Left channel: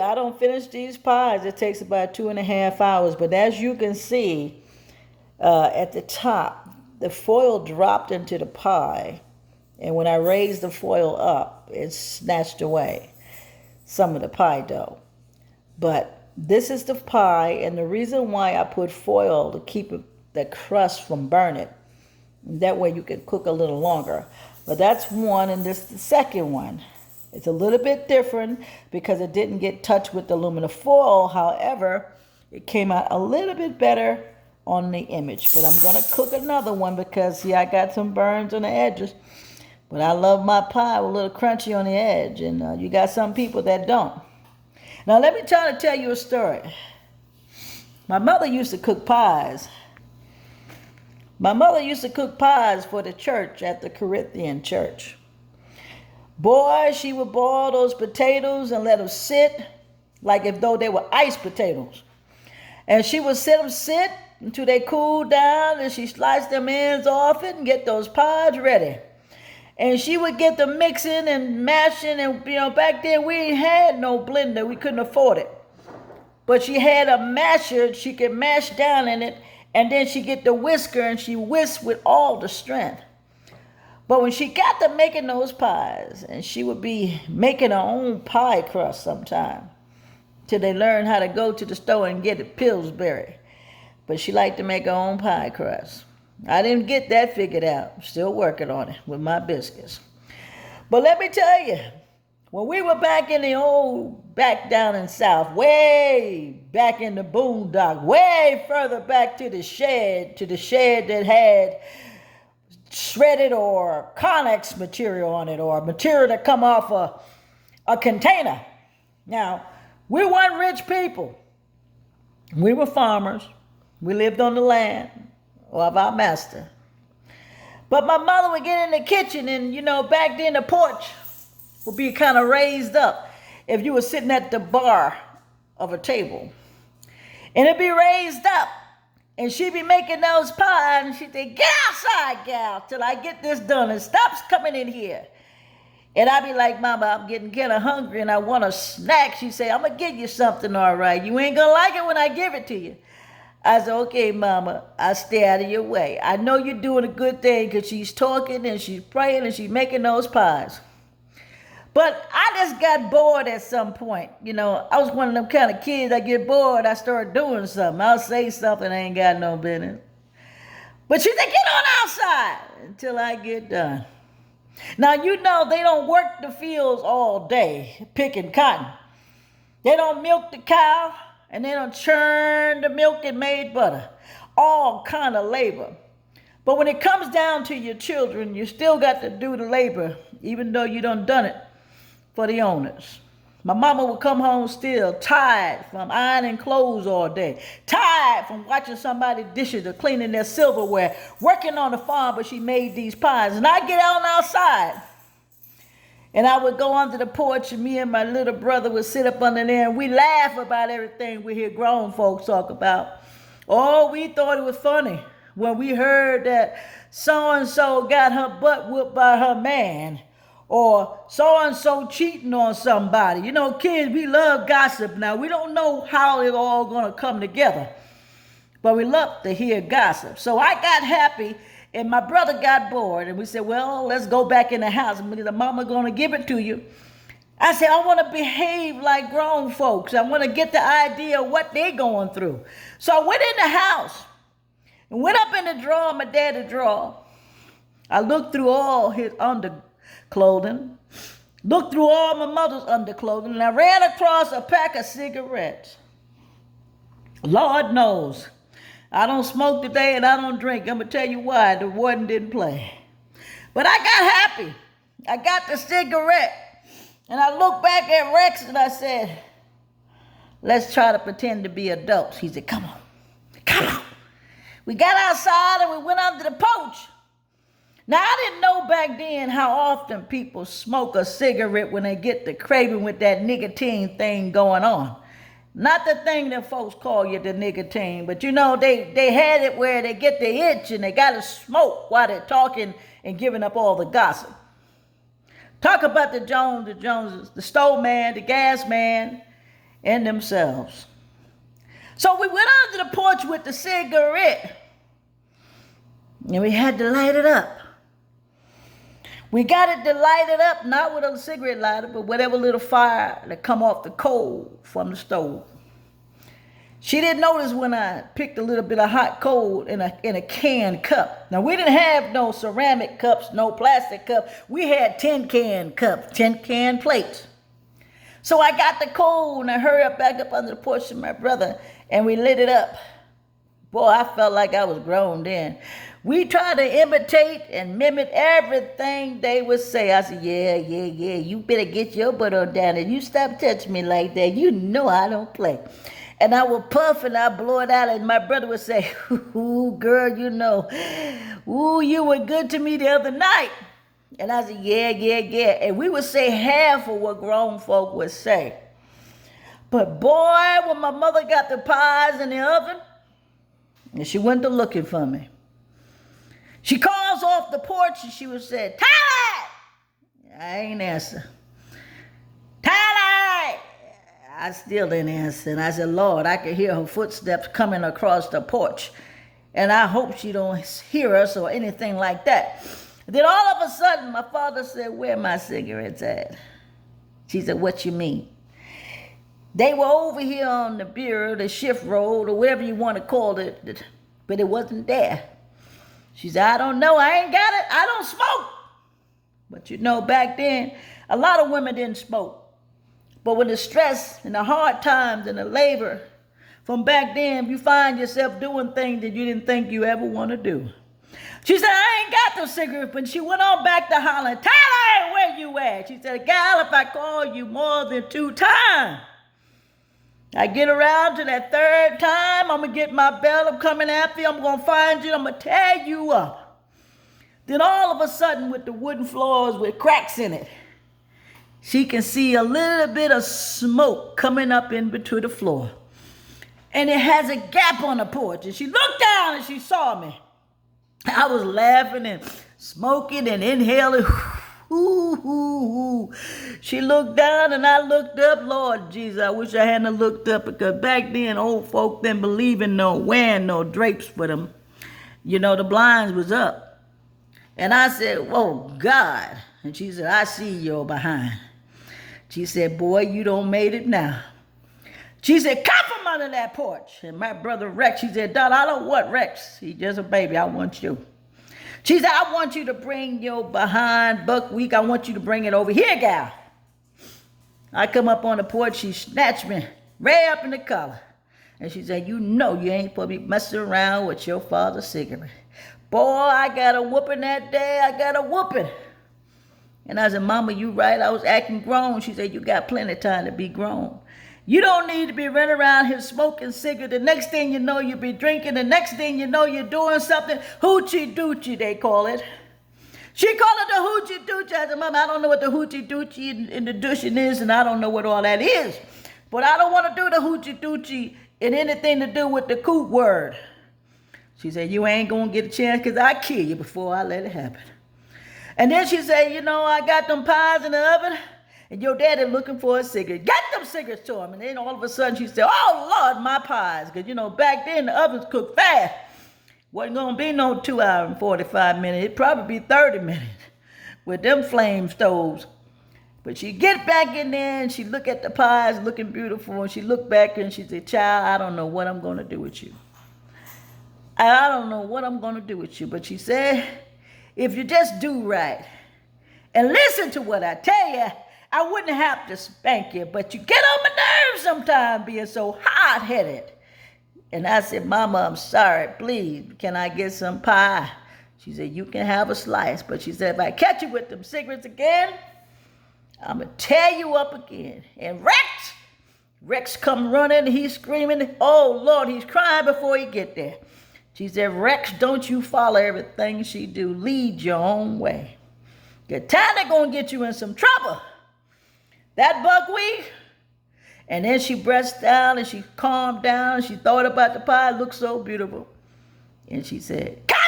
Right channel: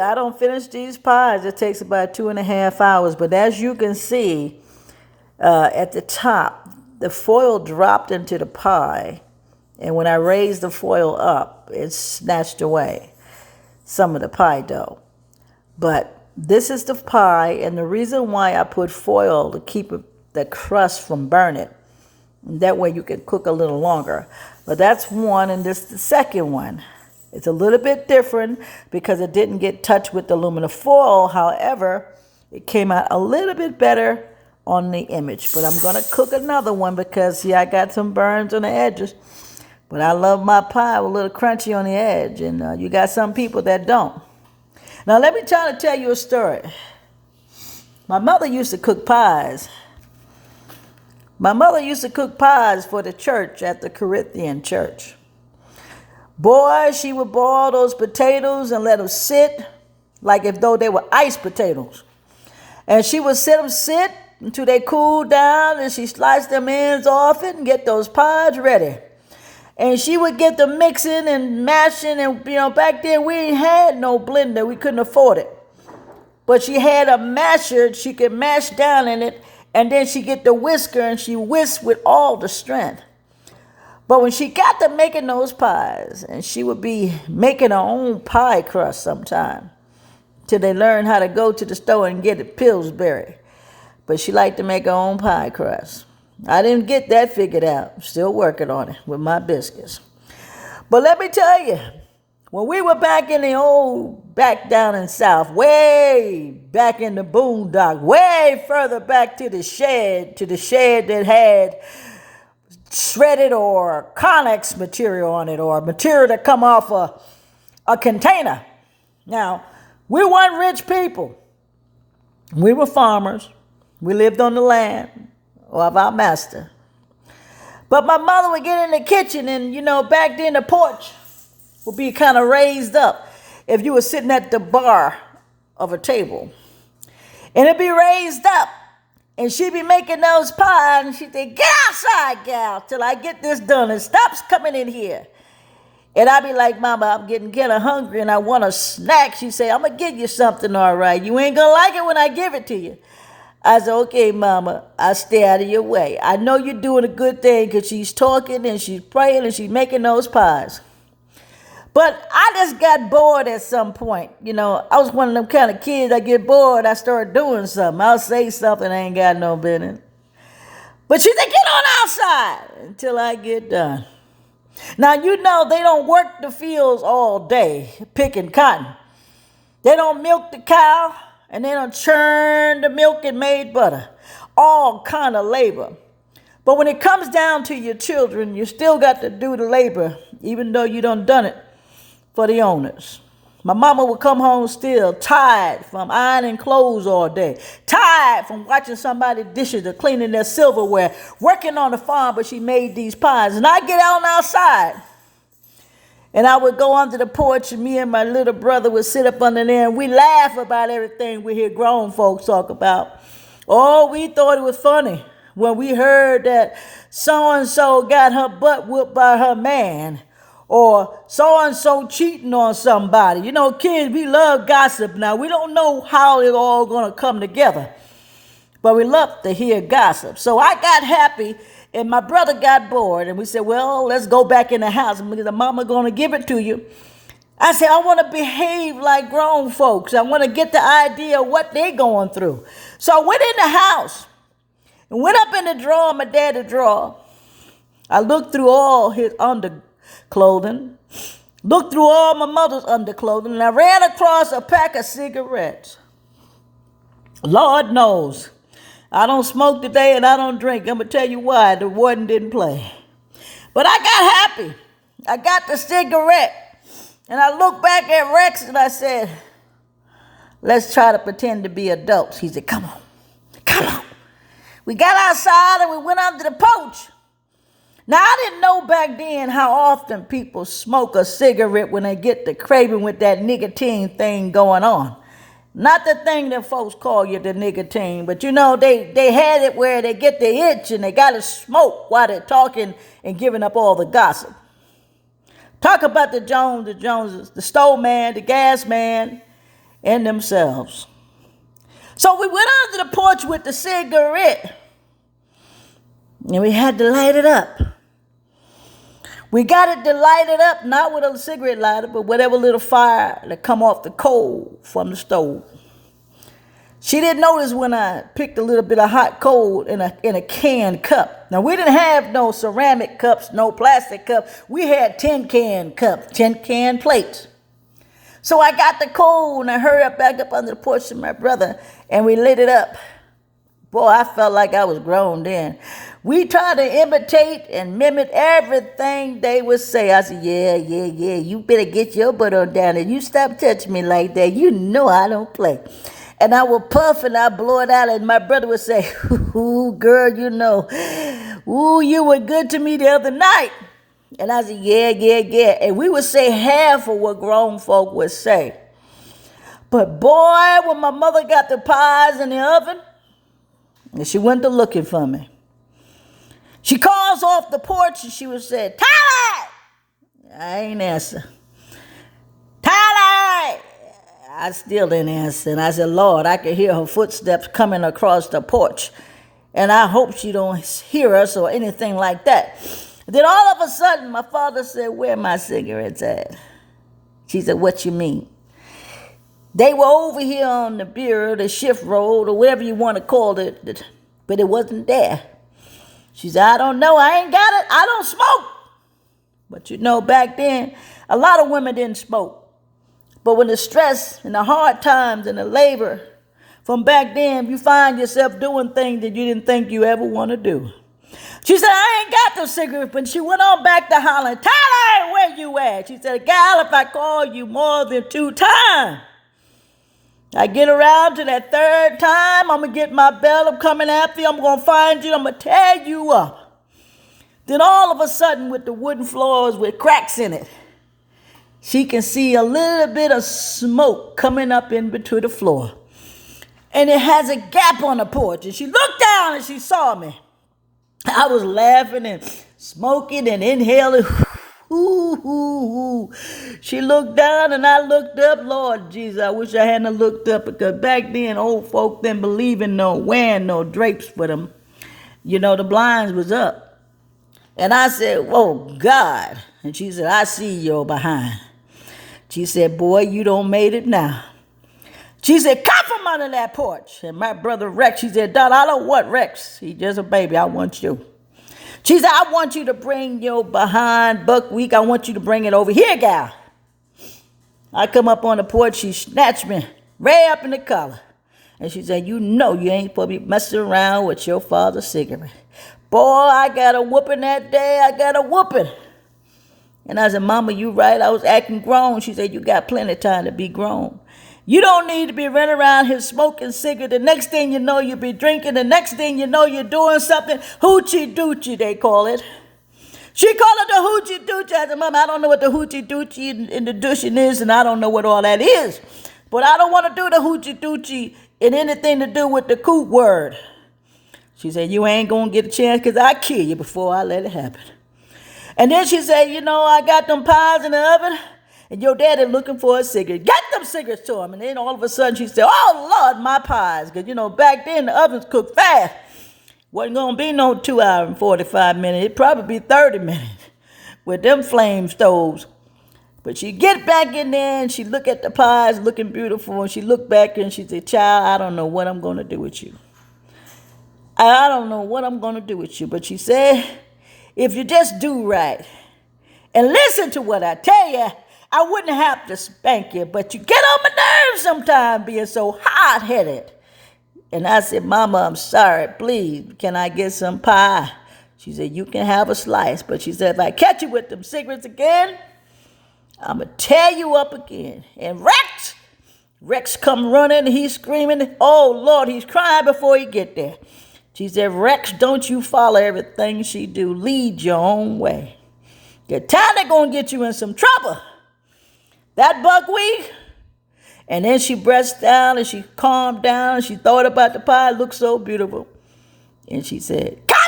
I don't finish these pies. It takes about 2.5 hours. But as you can see at the top, the foil dropped into the pie. And when I raised the foil up, it snatched away some of the pie dough. But this is the pie, and the reason why I put foil to keep the crust from burning. That way you can cook a little longer. But that's one, and this is the second one. It's a little bit different because it didn't get touched with the aluminum foil. However, it came out a little bit better on the image. But I'm going to cook another one because, see, I got some burns on the edges. But I love my pie with a little crunchy on the edge. And you got some people that don't. Now, let me try to tell you a story. My mother used to cook pies. My mother used to cook pies for the church at the Corinthian church. Boy, she would boil those potatoes and let them sit like if though they were iced potatoes. And she would sit until they cooled down, and she sliced them ends off it and get those pies ready. And she would get them mixing and mashing, and back then we ain't had no blender. We couldn't afford it. But she had a masher she could mash down in it, and then she get the whisker and she whisked with all the strength. But when she got to making those pies, and she would be making her own pie crust sometime, till they learned how to go to the store and get it Pillsbury. But she liked to make her own pie crust. I didn't get that figured out. I'm still working on it with my biscuits. But let me tell you, when we were back down in South, way back in the boondock, way further back to the shed that had shredded or Connex material on it, or material that come off a container. Now, we weren't rich people. We were farmers. We lived on the land of our master. But my mother would get in the kitchen, and back then the porch would be kind of raised up if you were sitting at the bar of a table. And it'd be raised up. And she'd be making those pies, and she'd say, "Get outside, gal, till I get this done, and stop coming in here." And I'd be like, "Mama, I'm getting kind of hungry, and I want a snack." She'd say, "I'm going to give you something, all right. You ain't going to like it when I give it to you." I said, "Okay, Mama, I'll stay out of your way. I know you're doing a good thing," because she's talking, and she's praying, and she's making those pies. But I just got bored at some point. I was one of them kind of kids. I get bored, I start doing something. I'll say something I ain't got no business. But she said, "Get on outside until I get done." Now, they don't work the fields all day picking cotton. They don't milk the cow, and they don't churn the milk and made butter. All kind of labor. But when it comes down to your children, you still got to do the labor, even though you done it for the owners. My mama would come home still tired from ironing clothes all day, tired from watching somebody dishes or cleaning their silverware, working on the farm, but she made these pies. And I get out outside, and I would go under the porch, and me and my little brother would sit up under there, and we laugh about everything we hear grown folks talk about. Oh, we thought it was funny when we heard that so-and-so got her butt whooped by her man, or so-and-so cheating on somebody. Kids, we love gossip now. We don't know how it all going to come together, but we love to hear gossip. So I got happy, and my brother got bored, and we said, "Well, let's go back in the house because the mama going to give it to you." I said, "I want to behave like grown folks. I want to get the idea of what they going through." So I went in the house and went up in the drawer, my daddy's drawer. I looked through all his underclothing, looked through all my mother's underclothing, and I ran across a pack of cigarettes. Lord knows, I don't smoke today and I don't drink. I'm going to tell you why. The warden didn't play. But I got happy. I got the cigarette. And I looked back at Rex and I said, "Let's try to pretend to be adults." He said, Come on. We got outside and we went under the porch. Now, I didn't know back then how often people smoke a cigarette when they get the craving with that nicotine thing going on. Not the thing that folks call you the nicotine, but they had it where they get the itch and they got to smoke while they're talking and giving up all the gossip. Talk about the Joneses, the stove man, the gas man. in themselves. So we went out to the porch with the cigarette, and we had to light it up. We got it to light it up, not with a cigarette lighter, but whatever little fire that come off the coal from the stove. She didn't notice when I picked a little bit of hot coal in a can cup. Now, we didn't have no ceramic cups, no plastic cups. We had tin can cups, tin can plates. So I got the coal and I hurried up back up under the porch to my brother, and we lit it up. Boy, I felt like I was grown then. We tried to imitate and mimic everything they would say. I said, yeah, you better get your butt on down and you stop touching me like that. You know I don't play. And I would puff and I'd blow it out, and my brother would say, ooh, girl, you know, ooh, you were good to me the other night. And I said, yeah. And we would say half of what grown folk would say. But boy, when my mother got the pies in the oven, and she went to looking for me, she calls off the porch and she would say, Tyler! I ain't answer. Tyler! I still didn't answer. And I said, Lord, I could hear her footsteps coming across the porch. And I hope she don't hear us or anything like that. Then all of a sudden, my father said, where my cigarettes at? She said, what you mean? They were over here on the bureau, the shift road, or whatever you want to call it, but it wasn't there. She said, I don't know. I ain't got it. I don't smoke. But you know, back then, a lot of women didn't smoke. But when the stress and the hard times and the labor from back then, you find yourself doing things that you didn't think you ever want to do. She said, I ain't got no cigarettes, but she went on back to hollering, Tyler, where you at? She said, gal, if I call you more than 2 times, I get around to that 3rd time, I'm going to get my belt, I'm coming after you, I'm going to find you, I'm going to tear you up. Then all of a sudden, with the wooden floors with cracks in it, she can see a little bit of smoke coming up in between the floor. And it has a gap on the porch. And she looked down and she saw me. I was laughing and smoking and inhaling. She looked down and I looked up. Lord Jesus, I wish I hadn't looked up, because back then old folk didn't believe in wearing no drapes for them. You know, the blinds was up. And I said, oh God. And she said, I see your behind. She said, boy, you don't made it now. She said, come from under that porch. And my brother Rex, she said, Dad, I don't want Rex. He's just a baby. I want you. She said, I want you to bring your behind buckwheat. I want you to bring it over here, gal. I come up on the porch. She snatched me right up in the collar. And she said, you know you ain't supposed to be messing around with your father's cigarette. Boy, I got a whooping that day. I got a whooping. And I said, Mama, you right. I was acting grown. She said, you got plenty of time to be grown. You don't need to be running around here smoking cigarette. The next thing you know, you'll be drinking. The next thing you know, you're doing something. Hoochie doochie, they call it. She called it the hoochie doochie. I said, Mama, I don't know what the hoochie doochie in the douching is, and I don't know what all that is. But I don't want to do the hoochie doochie in anything to do with the coot word. She said, you ain't going to get a chance, because I kill you before I let it happen. And then she said, you know, I got them pies in the oven. And your daddy looking for a cigarette. Get them cigarettes to him. And then all of a sudden she said, oh, Lord, my pies. Because, you know, back then the ovens cooked fast. Wasn't going to be no 2 hour and 45 minutes. It'd probably be 30 minutes with them flame stoves. But she get back in there and she look at the pies looking beautiful. And she looked back and she said, child, I don't know what I'm going to do with you. I don't know what I'm going to do with you. But she said, if you just do right and listen to what I tell you, I wouldn't have to spank you, but you get on my nerves sometimes being so hot-headed. And I said, Mama, I'm sorry. Please, can I get some pie? She said, you can have a slice. But she said, if I catch you with them cigarettes again, I'm going to tear you up again. And Rex come running. He's screaming. Oh, Lord, he's crying before he get there. She said, Rex, don't you follow everything she do. Lead your own way. The time they're going to get you in some trouble. That buckwheat. And then she breathed down and she calmed down and she thought about the pie. It looked so beautiful. And she said, come